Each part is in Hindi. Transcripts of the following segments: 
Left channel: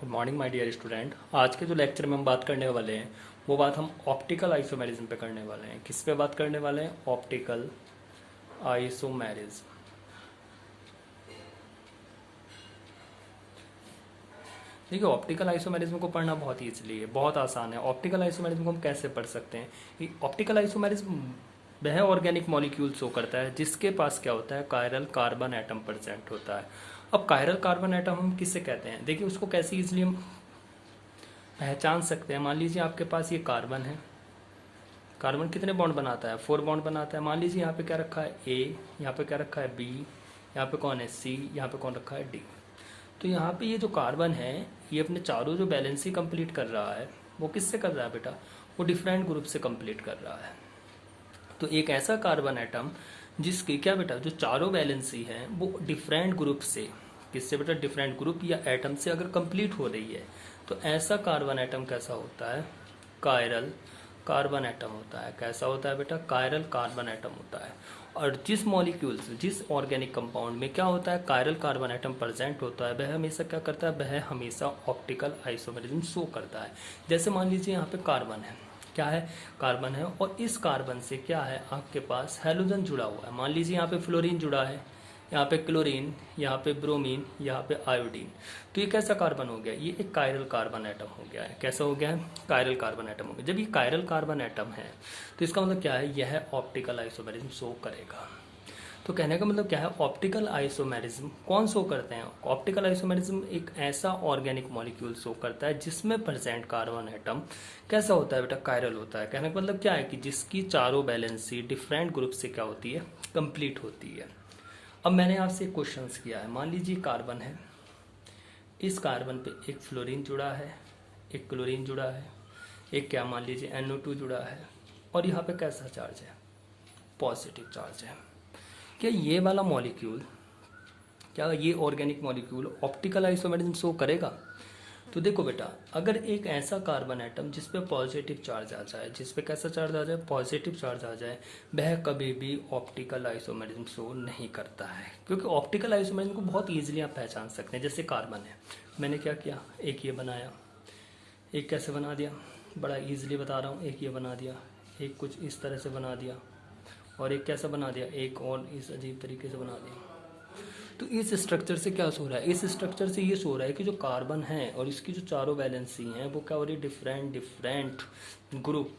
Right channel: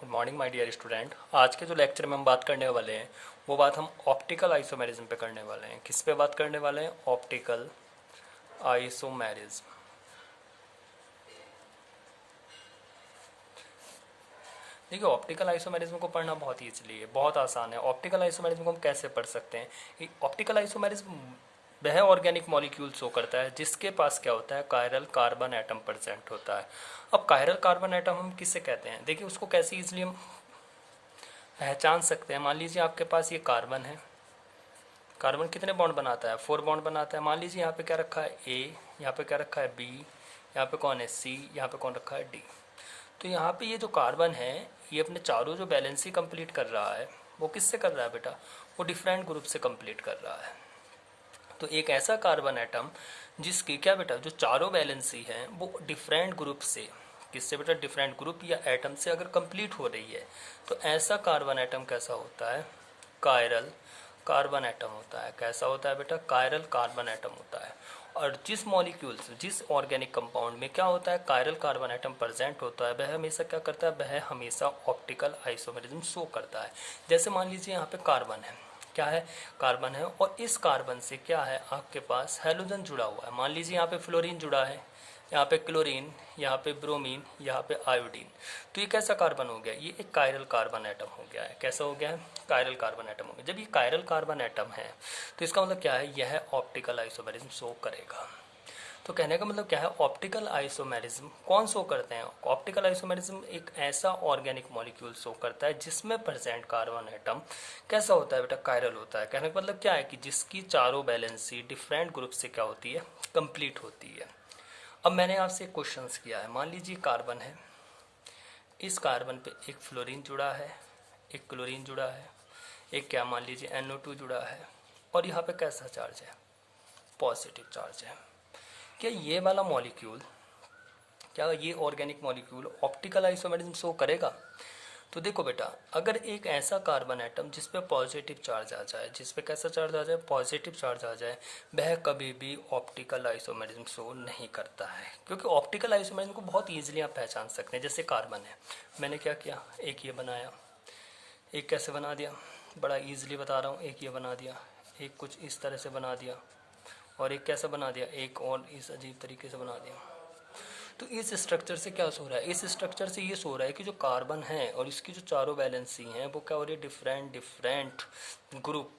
Good morning my dear student. आज के जो लेक्चर में हम बात करने वाले हैं वो बात हम ऑप्टिकल आइसोमेरिज्म पे करने वाले हैं। किस पे बात करने वाले हैं? Optical isomerism. देखिए, ऑप्टिकल आइसोमेरिज्म को पढ़ना बहुत ईजिली है, बहुत आसान है। ऑप्टिकल आइसोमेरिज्म को हम कैसे पढ़ सकते हैं? ये ऑप्टिकल आइसोमेरिज्म वह ऑर्गेनिक मॉलिक्यूल शो करता है जिसके पास क्या होता है, कायरल कार्बन एटम प्रेजेंट होता है। अब कायरल कार्बन एटम हम किसे कहते हैं? देखिए, उसको कैसे इजिली हम पहचान सकते हैं। मान लीजिए आपके पास ये कार्बन है। कार्बन कितने बॉन्ड बनाता है? 4 बॉन्ड बनाता है। मान लीजिए यहाँ पे क्या रखा है? ए, यहाँ पे क्या रखा है? बी, यहाँ पे कौन है? सी, यहाँ पे कौन रखा है? डी। तो यहाँ पे ये जो कार्बन है ये अपने चारों जो बैलेंसी कंप्लीट कर रहा है वो किससे कर रहा है बेटा? वो डिफरेंट ग्रुप से कंप्लीट कर रहा है। तो एक ऐसा कार्बन एटम जिसकी क्या बेटा, जो चारों बैलेंसी है वो डिफरेंट ग्रुप से, किससे बेटा? डिफरेंट ग्रुप या एटम से अगर कंप्लीट हो रही है तो ऐसा कार्बन एटम कैसा होता है? कायरल कार्बन एटम होता है। कैसा होता है बेटा? कायरल कार्बन एटम होता है। और जिस मॉलिक्यूल से, जिस ऑर्गेनिक कंपाउंड में क्या होता है, कायरल कार्बन एटम प्रेजेंट होता है, वह हमेशा क्या करता है? वह हमेशा ऑप्टिकल आइसोमेरिज्म शो करता है। जैसे मान लीजिए यहाँ पे कार्बन है, क्या है? कार्बन है, और इस कार्बन से क्या है, आपके पास हैलोजन जुड़ा हुआ है। मान लीजिए यहाँ पे फ्लोरीन जुड़ा है, यहाँ पे क्लोरीन, यहाँ पे ब्रोमीन, यहाँ पे आयोडीन। तो ये कैसा कार्बन हो गया? ये एक कायरल कार्बन एटम हो गया है। कैसा हो गया है? कायरल कार्बन एटम हो गया। जब ये कायरल कार्बन एटम है तो इसका मतलब क्या है? यह ऑप्टिकल आइसोमेरिज्म शो करेगा। तो कहने का मतलब क्या है? ऑप्टिकल आइसोमेरिज्म कौन शो करते हैं? ऑप्टिकल आइसोमेरिज्म एक ऐसा ऑर्गेनिक मॉलिक्यूल शो करता है जिसमें प्रेजेंट कार्बन एटम कैसा होता है बेटा? कायरल होता है। कहने का मतलब क्या है कि जिसकी चारों बैलेंसी डिफरेंट ग्रुप से क्या होती है? कंप्लीट होती है। अब मैंने आपसे एक क्वेश्चन किया है। मान लीजिए कार्बन है, इस कार्बन पे एक फ्लोरीन जुड़ा है, एक क्लोरीन जुड़ा है, एक क्या मान लीजिए NO2 जुड़ा है, और यहाँ पे कैसा चार्ज है? पॉजिटिव चार्ज है। क्या ये वाला मॉलिक्यूल, क्या ये organic molecule optical isomerism show करेगा? तो देखो बेटा, अगर एक ऐसा कार्बन एटम जिस पे पॉजिटिव चार्ज आ जाए, जिस पे कैसा चार्ज आ जाए? पॉजिटिव चार्ज आ जाए, वह कभी भी ऑप्टिकल आइसोमेरिज्म शो नहीं करता है। क्योंकि ऑप्टिकल आइसोमेरिज्म को बहुत ईजिली आप पहचान सकते हैं। जैसे कार्बन है, मैंने क्या किया? एक ये बनाया, एक कैसे बना दिया? बड़ा ईजिली बता रहा हूँ। एक ये बना दिया, एक कुछ इस तरह से बना दिया, और एक कैसा बना दिया? एक और इस अजीब तरीके से बना दिया। तो इस स्ट्रक्चर से क्या सो रहा है? इस स्ट्रक्चर से ये सो रहा है कि जो कार्बन है और इसकी जो चारों वैलेंसी हैं वो क्या हो रही है? डिफरेंट डिफरेंट ग्रुप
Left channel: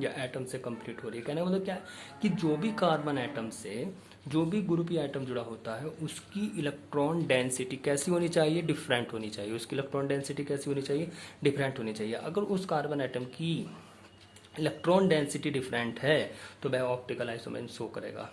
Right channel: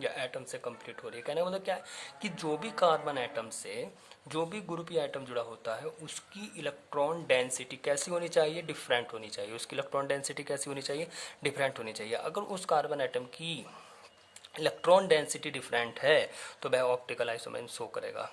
या एटम से कंप्लीट हो रही है। कहने का मतलब क्या है कि जो भी कार्बन एटम से जो भी ग्रुप या एटम जुड़ा होता है उसकी इलेक्ट्रॉन डेंसिटी कैसी होनी चाहिए? डिफरेंट होनी चाहिए। उसकी इलेक्ट्रॉन डेंसिटी कैसी होनी चाहिए? डिफरेंट होनी चाहिए। अगर उस कार्बन एटम की इलेक्ट्रॉन डेंसिटी डिफरेंट है तो वह ऑप्टिकल आइसोमेरिज्म शो करेगा।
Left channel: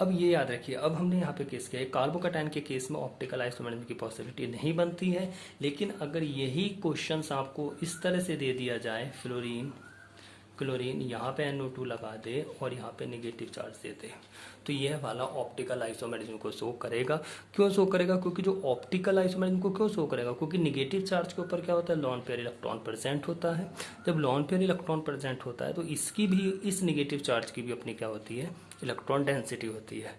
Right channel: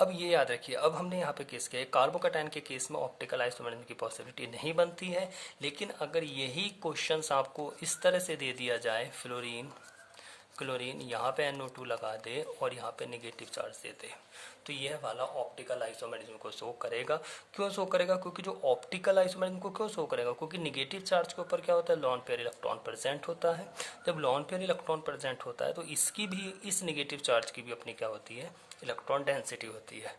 अब ये याद रखिए, अब हमने यहाँ पे केस किया है, कार्बोकैटायन के केस में ऑप्टिकल आइसोमेरिज्म की पॉसिबिलिटी नहीं बनती है। लेकिन अगर यही क्वेश्चंस आपको इस तरह से दे दिया जाए, फ्लोरीन क्लोरीन, यहाँ पे NO2 लगा दे और यहाँ पे नेगेटिव चार्ज दे दे, तो यह वाला ऑप्टिकल आइसोमेरिज्म को शो करेगा। क्यों शो करेगा? क्योंकि जो ऑप्टिकल आइसोमेरिज्म को क्यों शो करेगा? क्योंकि नेगेटिव चार्ज के ऊपर क्या होता है? लॉन पेयर इलेक्ट्रॉन प्रेजेंट होता है। जब लॉन पेयर इलेक्ट्रॉन प्रेजेंट होता है तो इसकी भी, इस नेगेटिव चार्ज की भी अपनी क्या होती है? इलेक्ट्रॉन डेंसिटी होती है।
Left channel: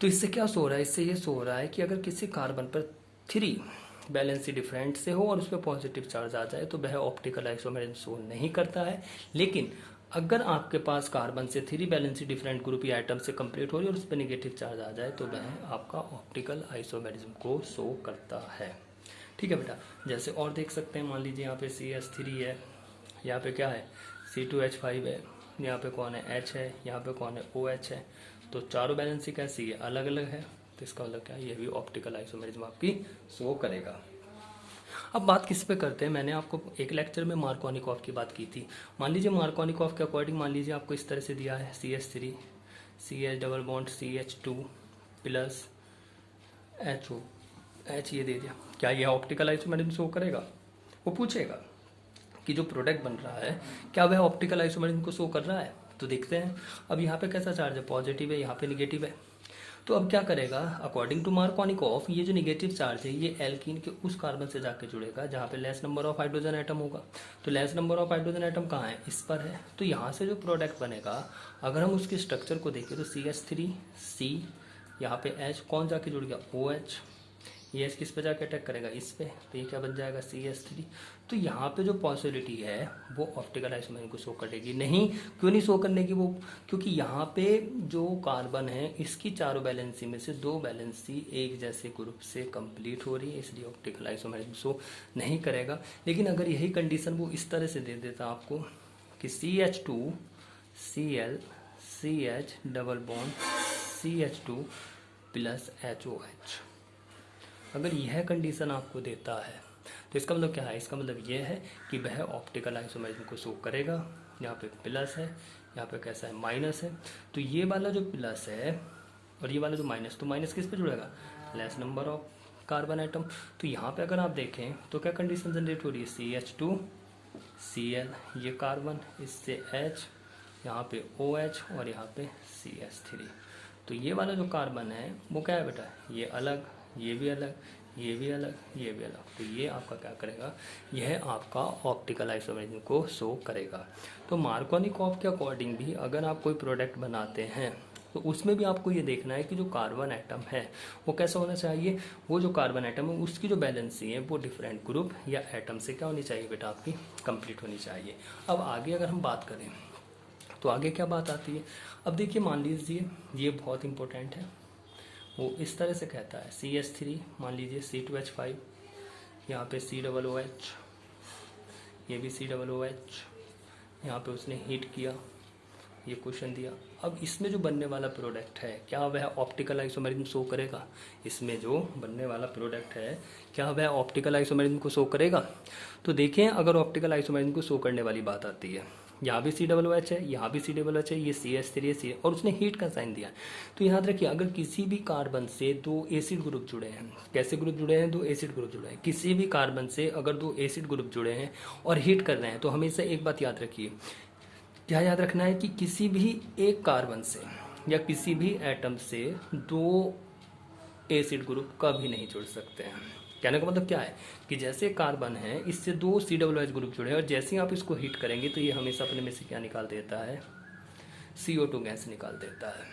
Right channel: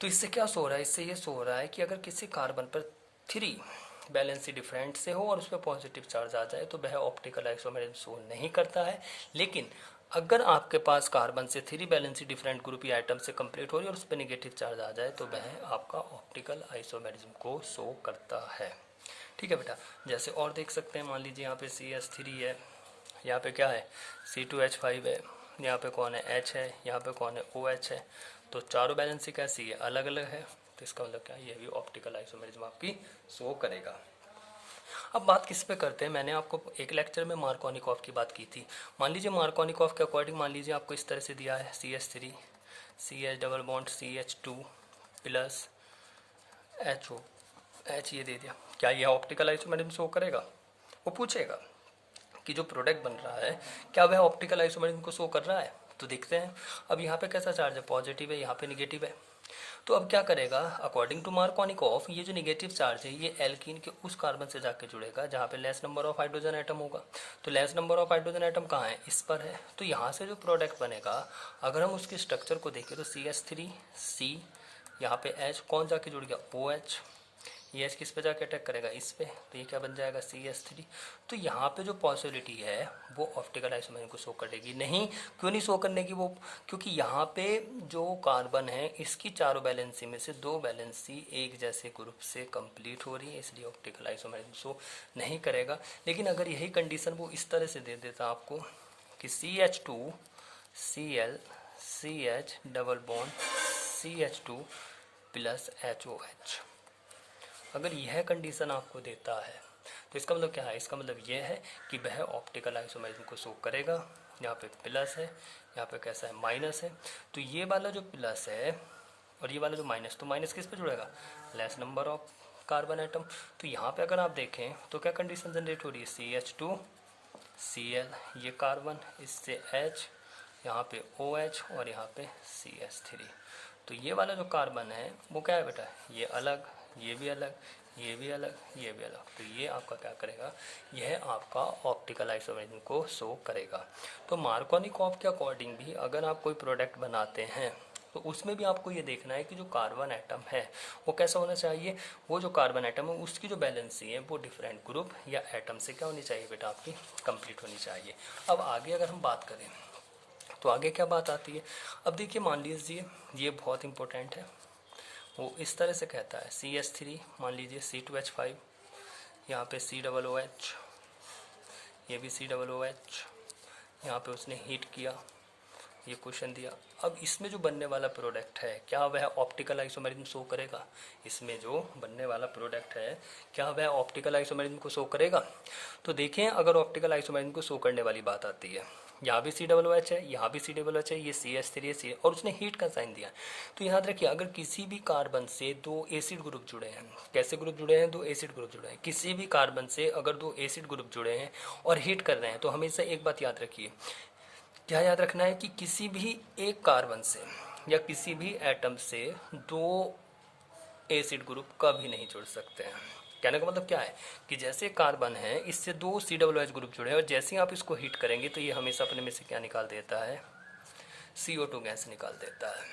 तो इससे क्या सो रहा है? इससे ये सो रहा है कि अगर किसी कार्बन पर 3 बैलेंसी डिफरेंट से हो और उस पर पॉजिटिव चार्ज आ जाए तो वह ऑप्टिकल आइसोमेरिज्म शो नहीं करता है। लेकिन अगर आपके पास कार्बन से 3 बैलेंसी डिफरेंट ग्रुप या आइटम से कंप्लीट हो रही है और उस पर निगेटिव चार्ज आ जाए तो वह आपका ऑप्टिकल आइसोमेरिज्म को शो करता है। ठीक है बेटा। जैसे और देख सकते हैं, मान लीजिए यहाँ पे CH3 है, यहाँ पे क्या है? C2H5 है, यहाँ पे कौन है? H है, यहाँ पे कौन है? OH है। तो चारों बैलेंसी कैसी है? अलग अलग है। तो इसका मतलब क्या है? ये भी ऑप्टिकल आइसोमेरिज्म आपकी शो करेगा। अब बात किस पे करते हैं? मैंने आपको एक लेक्चर में मार्कोनिकॉफ की बात की थी। मान लीजिए मार्कोनिकॉफ के अकॉर्डिंग मान लीजिए आपको इस तरह से दिया है, CH3 CH double bond CH2 plus HO, H ये दे दिया। क्या यह ऑप्टिकल आइसोमेरिज्म शो करेगा? वो पूछेगा कि जो प्रोडक्ट बन रहा है क्या वह ऑप्टिकल आइसोमेरिज्म को शो कर रहा है? तो देखते हैं। अब यहाँ पे कैसा चार्ज है? पॉजिटिव है, यहाँ पे निगेटिव है। तो अब क्या करेगा? अकॉर्डिंग टू मार्कोनिकॉफ ये जो निगेटिव चार्ज है ये एल्कीन के उस कार्बन से जाके जुड़ेगा जहाँ पे less number of hydrogen atom होगा। तो less number of hydrogen atom कहाँ है? इस पर है। तो यहाँ से जो प्रोडक्ट बनेगा, अगर हम उसके स्ट्रक्चर को देखें तो CH3 C, यहाँ पे H कौन जाके जुड़ गया? OH, ये H किस पे जाके अटैक करेगा, इस पे, तो ये क्या बन जाएगा CH3। तो यहाँ पे जो पॉसिबिलिटी है वो ऑप्टिकल आइसोमेरिज्म को शो करेगी नहीं। क्यों नहीं शो करने की वो, क्योंकि यहाँ पे जो कार्बन है इसकी चारों वैलेंसी में से 2 वैलेंसी एक जैसे ग्रुप से कंप्लीट हो रही है, इसलिए ऑप्टिकल आइसोमेरिज्म शो नहीं करेगा। लेकिन अगर यही कंडीशन वो इस तरह से दे देता आपको कि CH2 Cl CH double bond CH2 plus HOH, अगर यह कंडीशन आपको देता है तो इसका मतलब क्या है, इसका मतलब यह है कि वह ऑप्टिकल आइसोमेरिज्म को शो करेगा। यहाँ पे प्लस है, यहाँ पे कैसा है, माइनस है। तो ये वाला जो प्लस है और ये वाला जो माइनस, तो माइनस किस पे जुड़ेगा, less number of carbon atom. तो यहाँ पे अगर आप देखें तो क्या कंडीशन जनरेट हो रही है, CH2 Cl, ये कार्बन, इससे H, यहाँ पे OH और यहाँ पे CH3। तो ये वाला जो कार्बन है वो क्या है बेटा, ये अलग, ये भी अलग, ये भी अलग, ये भी अलग। तो ये आपका क्या करेगा, यह आपका ऑप्टिकल आइसोमेरिज्म को शो करेगा। तो मार्कोनिकॉफ के अकॉर्डिंग भी अगर आप कोई प्रोडक्ट बनाते हैं तो उसमें भी आपको ये देखना है कि जो कार्बन एटम है वो कैसा होना चाहिए, वो जो कार्बन एटम है उसकी जो बैलेंसी है वो डिफरेंट ग्रुप या एटम से क्या होनी चाहिए बेटा, आपकी कंप्लीट होनी चाहिए। अब आगे अगर हम बात करें तो आगे क्या बात आती है। अब देखिए मान लीजिए ये बहुत इंपॉर्टेंट है, वो इस तरह से कहता है CH3 मान लीजिए C2H5, यहाँ पे COOH, ये भी COOH, यहाँ पे उसने हीट किया, ये क्वेश्चन दिया। अब इसमें जो बनने वाला प्रोडक्ट है क्या वह ऑप्टिकल आइसोमेरिज्म शो करेगा, इसमें जो बनने वाला प्रोडक्ट है क्या वह ऑप्टिकल आइसोमेरिज्म को शो करेगा। तो देखें अगर ऑप्टिकल आइसोमेरिज्म को शो करने वाली बात आती है, यहाँ भी COOH है, यहाँ भी COOH है, ये CH3 है और उसने हीट का साइन दिया। तो याद रखिए अगर किसी भी कार्बन से 2 एसिड ग्रुप जुड़े हैं, कैसे ग्रुप जुड़े हैं, 2 एसिड ग्रुप जुड़े हैं, किसी भी कार्बन से अगर 2 एसिड ग्रुप जुड़े हैं और हीट कर रहे हैं, तो हमेशा एक बात याद रखिए, क्या याद रखना है कि किसी भी एक कार्बन से या किसी भी एटम से 2 एसिड ग्रुप कभी नहीं जुड़ सकते हैं। कहने का मतलब क्या है कि जैसे कार्बन है इससे 2 COOH ग्रुप जुड़े हैं और जैसे ही आप इसको हीट करेंगे तो ये हमेशा अपने में से क्या निकाल देता है, CO2 गैस निकाल देता है।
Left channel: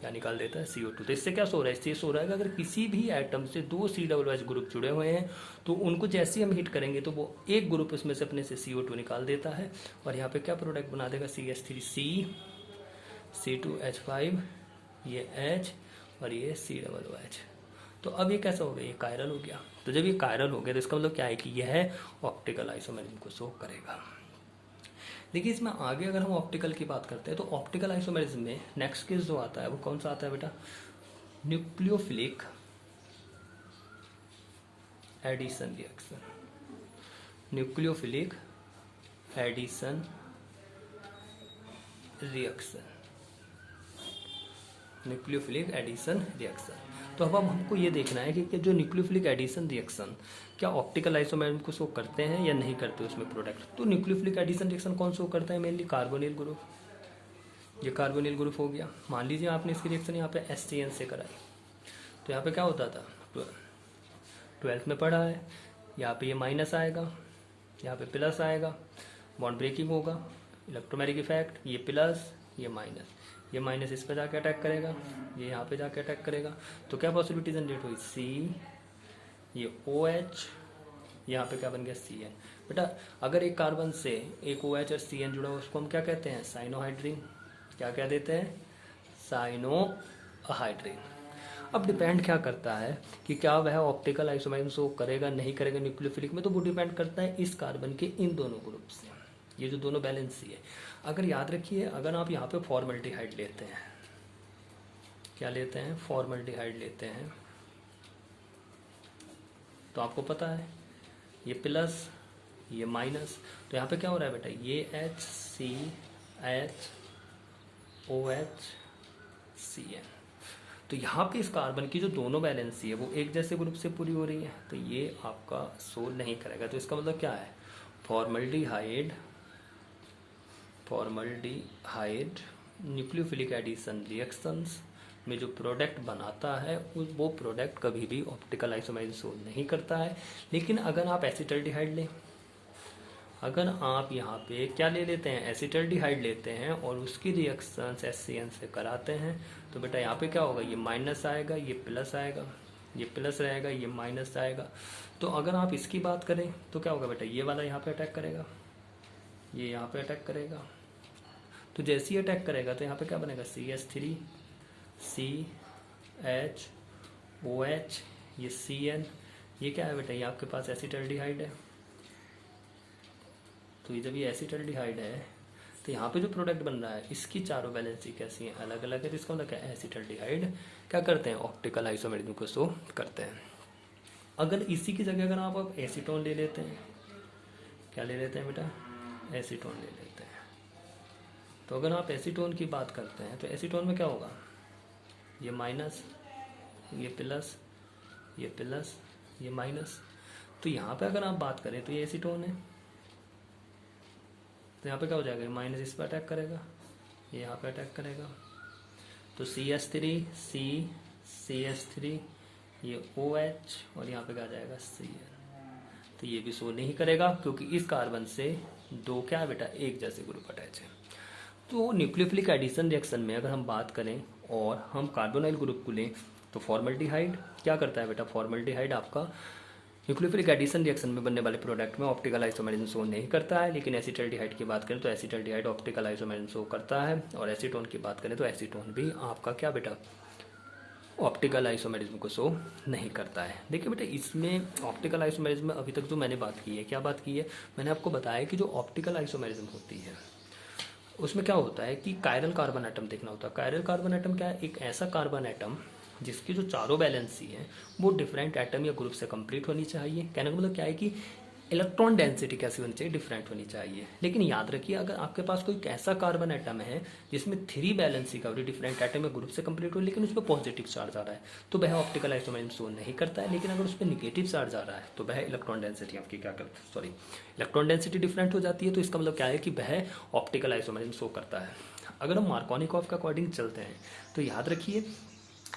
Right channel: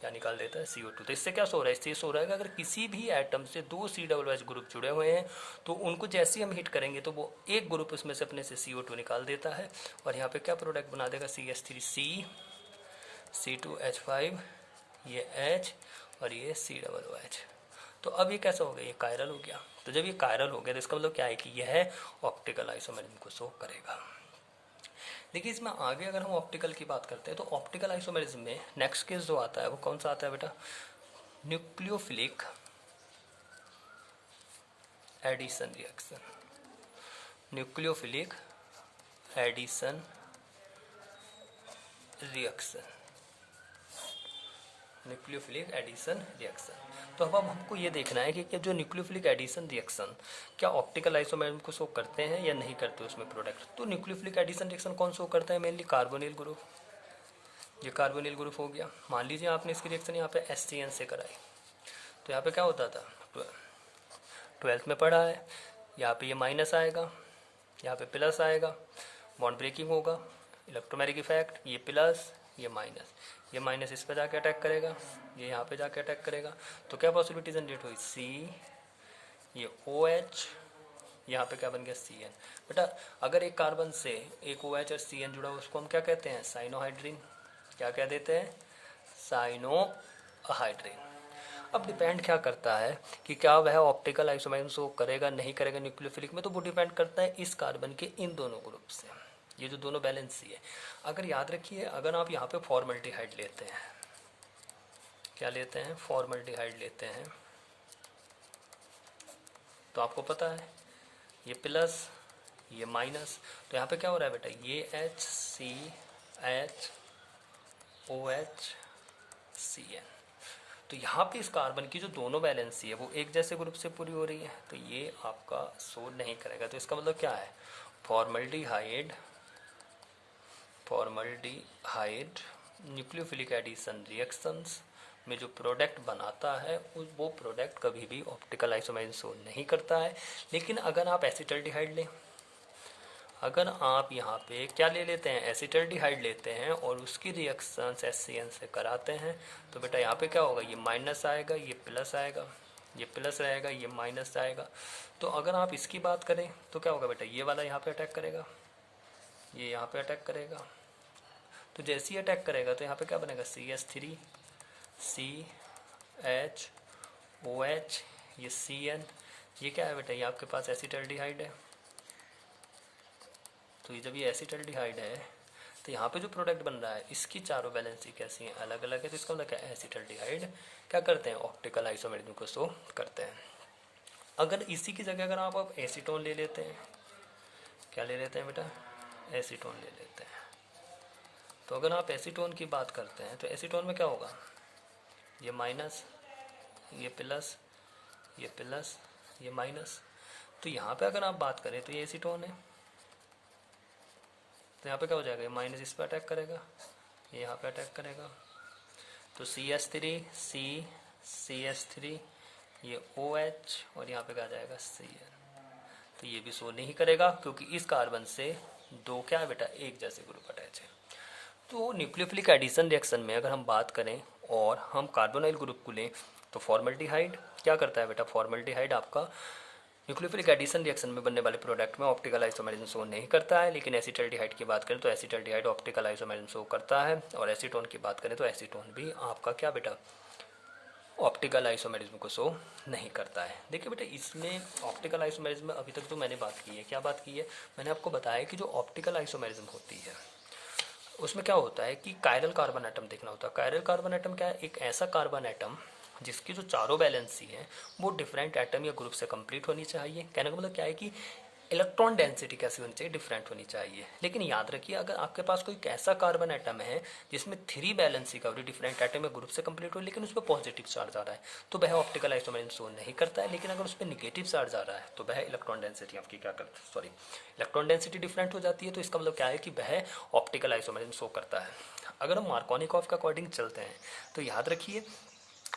क्या निकाल देता है, CO2। तो इससे क्या सो रहा है, इससे सो रहा है कि अगर किसी भी एटम से 2 COOH ग्रुप जुड़े हुए हैं तो उनको जैसे ही हम हीट करेंगे तो वो एक ग्रुप इसमें से अपने से CO2 निकाल देता है और यहाँ पे क्या प्रोडक्ट बना देगा, CH3C C2H5, ये H और ये COOH। तो अब ये कैसा हो गया, ये कायरल हो गया। तो जब ये कायरल हो गया तो इसका मतलब क्या है कि यह ऑप्टिकल आइसोमेरिज्म को शो करेगा। देखिए इसमें आगे अगर हम ऑप्टिकल की बात करते हैं तो ऑप्टिकल आइसोमेरिज्म में नेक्स्ट केस जो आता है वो कौन सा आता है बेटा, nucleophilic addition reaction. Nucleophilic addition reaction, nucleophilic addition reaction. तो अब हमको ये देखना है कि जो न्यूक्लियोफिलिक एडिशन रिएक्शन क्या ऑप्टिकल आइसोमेरिज्म को शो करते हैं या नहीं करते उसमें प्रोडक्ट। तो न्यूक्लियोफिलिक एडिशन रिएक्शन कौन शो करता है, मेनली कार्बोनिल ग्रुप। ये कार्बोनिल ग्रुप हो गया। मान लीजिए आपने इसकी रिएक्शन यहाँ पे HCN से कराई, तो यहाँ पे क्या होता था, 12th में पढ़ा है, यहाँ पे ये माइनस आएगा, यहाँ पे प्लस आएगा, बॉन्ड ब्रेकिंग होगा, इलेक्ट्रोमैग्नेटिक इफेक्ट, ये प्लस ये माइनस, ये माइनस इस पर जाके अटैक करेगा, ये यहाँ पे जाके अटैक करेगा। तो क्या पॉसिबिलिटी जनरेट हुई, C, ये OH, यहाँ पे क्या बन गया CN। बेटा अगर एक कार्बन से एक OH और CN जुड़ा हो उसको हम क्या कहते हैं, साइनोहाइड्रिन। क्या क्या देते हैं, साइनोहाइड्रिन। अब डिपेंड क्या करता है कि क्या वह ऑप्टिकल आइसोमेरिज्म शो करेगा नहीं करेगा न्यूक्लियोफिलिक में, तो वो डिपेंड करता है इस कार्बन के इन दोनों ग्रुप से, ये जो दोनों बैलेंसी है। अगर याद रखिए अगर आप यहाँ पे फॉर्मल्डिहाइड लेते हैं, क्या लेते हैं, फॉर्मल्डिहाइड लेते हैं, तो आपको पता है ये प्लस ये माइनस, तो यहाँ पे क्या हो रहा है बेटा, ये HCHOHCN। तो यहाँ पे इस कार्बन की जो दोनों बैलेंसी है वो एक जैसे ग्रुप से पूरी हो रही है, तो ये आपका शो नहीं करेगा। तो इसका मतलब क्या है, फॉर्मल्डिहाइड न्यूक्लियोफिलिक एडिशन रिएक्शंस में जो प्रोडक्ट बनाता है वो प्रोडक्ट कभी भी ऑप्टिकल आइसोमेरिज्म शो नहीं करता है। लेकिन अगर आप एसिटल्डिहाइड लें, अगर आप यहाँ पे क्या ले लेते हैं, एसिटल्डिहाइड लेते हैं और उसकी रिएक्शंस HCN से कराते हैं, तो बेटा यहाँ पे क्या होगा, ये माइनस आएगा ये प्लस आएगा, ये प्लस रहेगा, ये माइनस आएगा। तो अगर आप इसकी बात करें तो क्या होगा बेटा, ये वाला यहाँ पे अटैक करेगा, ये यहाँ पे अटैक करेगा। तो जैसे ही अटैक करेगा तो यहाँ पे क्या बनेगा, CH3 CHOH, ये CN, ये क्या है बेटा, ये आपके पास एसिटाल्डिहाइड है। तो ये जब ये एसिटाल्डिहाइड है तो यहाँ पे जो प्रोडक्ट बन रहा है इसकी चारों वैलेंसी कैसी है, अलग अलग है। तो इसका मतलब क्या है, एसिटाल्डिहाइड क्या करते हैं, ऑप्टिकल आइसोमेरिज्म को शो करते हैं। अगर इसी की जगह अगर आप अब एसीटोन ले लेते हैं, क्या ले लेते हैं बेटा, एसीटोन ले लेते हैं। तो अगर आप एसीटोन की बात करते हैं तो एसीटोन में क्या होगा, ये माइनस, ये प्लस, ये प्लस, ये माइनस। तो यहाँ पे अगर आप बात करें तो ये एसीटोन है, तो यहाँ पे क्या हो जाएगा, ये माइनस इस पर अटैक करेगा, ये यहाँ पे अटैक करेगा। तो CH3 CH3, ये OH, और यहाँ पे क्या जाएगा CN। तो ये भी शो नहीं करेगा क्योंकि इस कार्बन से दो क्या है बेटा, एक जैसे ग्रुप अटैच है। तो न्यूक्लियोफिलिक एडिशन रिएक्शन में अगर हम बात करें और हम कार्बोनाइल ग्रुप को लें तो फॉर्मल्डिहाइड क्या करता है बेटा, फॉर्मल्डिहाइड आपका न्यूक्लियोफिलिक एडिशन रिएक्शन में बनने वाले प्रोडक्ट में ऑप्टिकल आइसोमेरिज्म शो नहीं करता है। लेकिन एसिटाल्डिहाइड की बात करें तो एसिटाल्डिहाइड ऑप्टिकल आइसोमेरिज्म शो करता है। और एसीटोन की बात करें तो एसीटोन भी आपका क्या बेटा, ऑप्टिकल आइसोमेरिज्म को शो नहीं करता है। देखिए बेटा, इसमें ऑप्टिकल आइसोमेरिज्म में अभी तक जो मैंने बात की है, क्या बात की है, मैंने आपको बताया कि जो ऑप्टिकल आइसोमेरिज्म होती है उसमें क्या होता है कि कायरल कार्बन एटम देखना होता है। कायरल कार्बन एटम क्या है, एक ऐसा कार्बन एटम जिसकी जो चारों वैलेंसी है वो डिफरेंट एटम या ग्रुप से कंप्लीट होनी चाहिए। कहने का मतलब क्या है कि इलेक्ट्रॉन डेंसिटी कैसी होनी चाहिए, डिफरेंट होनी चाहिए। लेकिन याद रखिए, अगर आपके पास कोई ऐसा कार्बन एटम है जिसमें 3 वैलेंसी का डिफरेंट एटम या ग्रुप से कंप्लीट हो लेकिन उसमें पॉजिटिव चार्ज आ रहा है तो वह ऑप्टिकल आइसोमेरिज्म शो नहीं करता है। लेकिन अगर उसमें निगेटिव चार्ज आ रहा है तो वह इलेक्ट्रॉन डेंसिटी आपकी क्या करता, इलेक्ट्रॉन डेंसिटी डिफरेंट हो जाती है। तो इसका मतलब क्या है कि वह ऑप्टिकल आइसोमेरिज्म शो करता है। अगर हम मार्कोनिकॉफ के अकॉर्डिंग चलते हैं तो याद रखिए,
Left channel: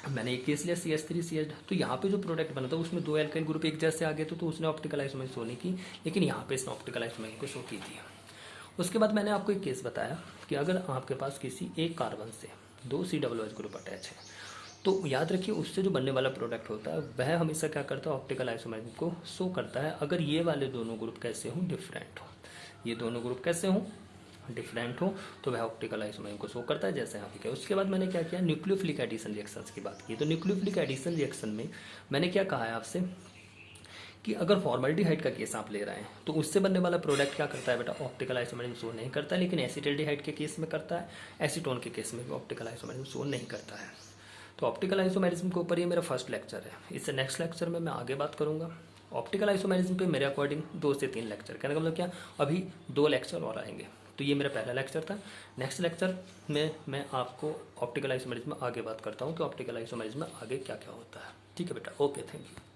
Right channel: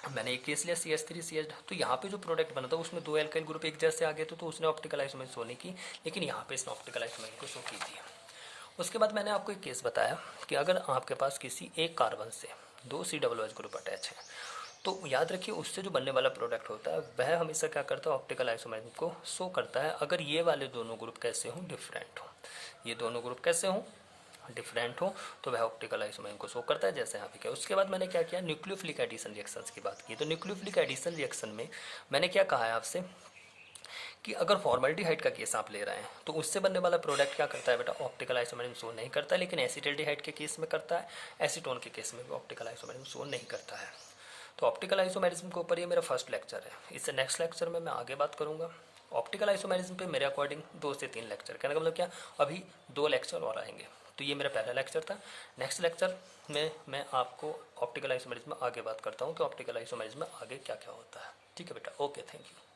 मैंने एक केस लिया CH3 CH, तो यहाँ पे जो प्रोडक्ट बना था उसमें 2 एल्काइल ग्रुप एक जैसे आ गए थे तो उसने ऑप्टिकल आइसोमेरिज्म शो नहीं की, लेकिन यहाँ पे इसने ऑप्टिकल आइसोमेरिज्म को शो की थी। उसके बाद मैंने आपको एक केस बताया कि अगर आपके पास किसी एक कार्बन से 2 COOH ग्रुप अटैच है तो याद रखिए उससे जो बनने वाला प्रोडक्ट होता है वह हमेशा क्या करता है, ऑप्टिकल आइसोमेरिज्म को शो करता है। अगर ये वाले दोनों ग्रुप कैसे हों, डिफरेंट हो, ये दोनों ग्रुप कैसे हों, डिफरेंट हो, तो वह ऑप्टिकल आइसोमेरिज्म को शो करता है, जैसे यहाँ पे किया। उसके बाद मैंने क्या किया, न्यूक्लियोफिलिक एडिशन रिएक्शंस की बात की। तो न्यूक्लियोफिलिक एडिशन रिएक्शन में मैंने क्या कहा है आपसे कि अगर फॉर्मल्डिहाइड का केस आप ले रहे हैं तो उससे बनने वाला प्रोडक्ट क्या करता है बेटा, ऑप्टिकल आइसोमेरिज्म शो नहीं करता है। लेकिन एसिटाल्डिहाइड के केस में करता है, एसीटोन के केस में भी ऑप्टिकल आइसोमेरिज्म शो नहीं करता है। तो ऑप्टिकल आइसोमेरिज्म के ऊपर ये मेरा फर्स्ट लेक्चर है। इससे नेक्स्ट लेक्चर में मैं आगे बात करूंगा। ऑप्टिकल आइसोमेरिज्म पे मेरे अकॉर्डिंग 2 से 3 लेक्चर, कहने का मतलब क्या, अभी 2 लेक्चर और आएंगे। तो ये मेरा पहला लेक्चर था। नेक्स्ट लेक्चर में मैं आपको ऑप्टिकल आइसोमेरिज्म में आगे बात करता हूँ कि ऑप्टिकल आइसोमेरिज्म में आगे क्या क्या होता है। ठीक है बेटा, ओके, थैंक यू।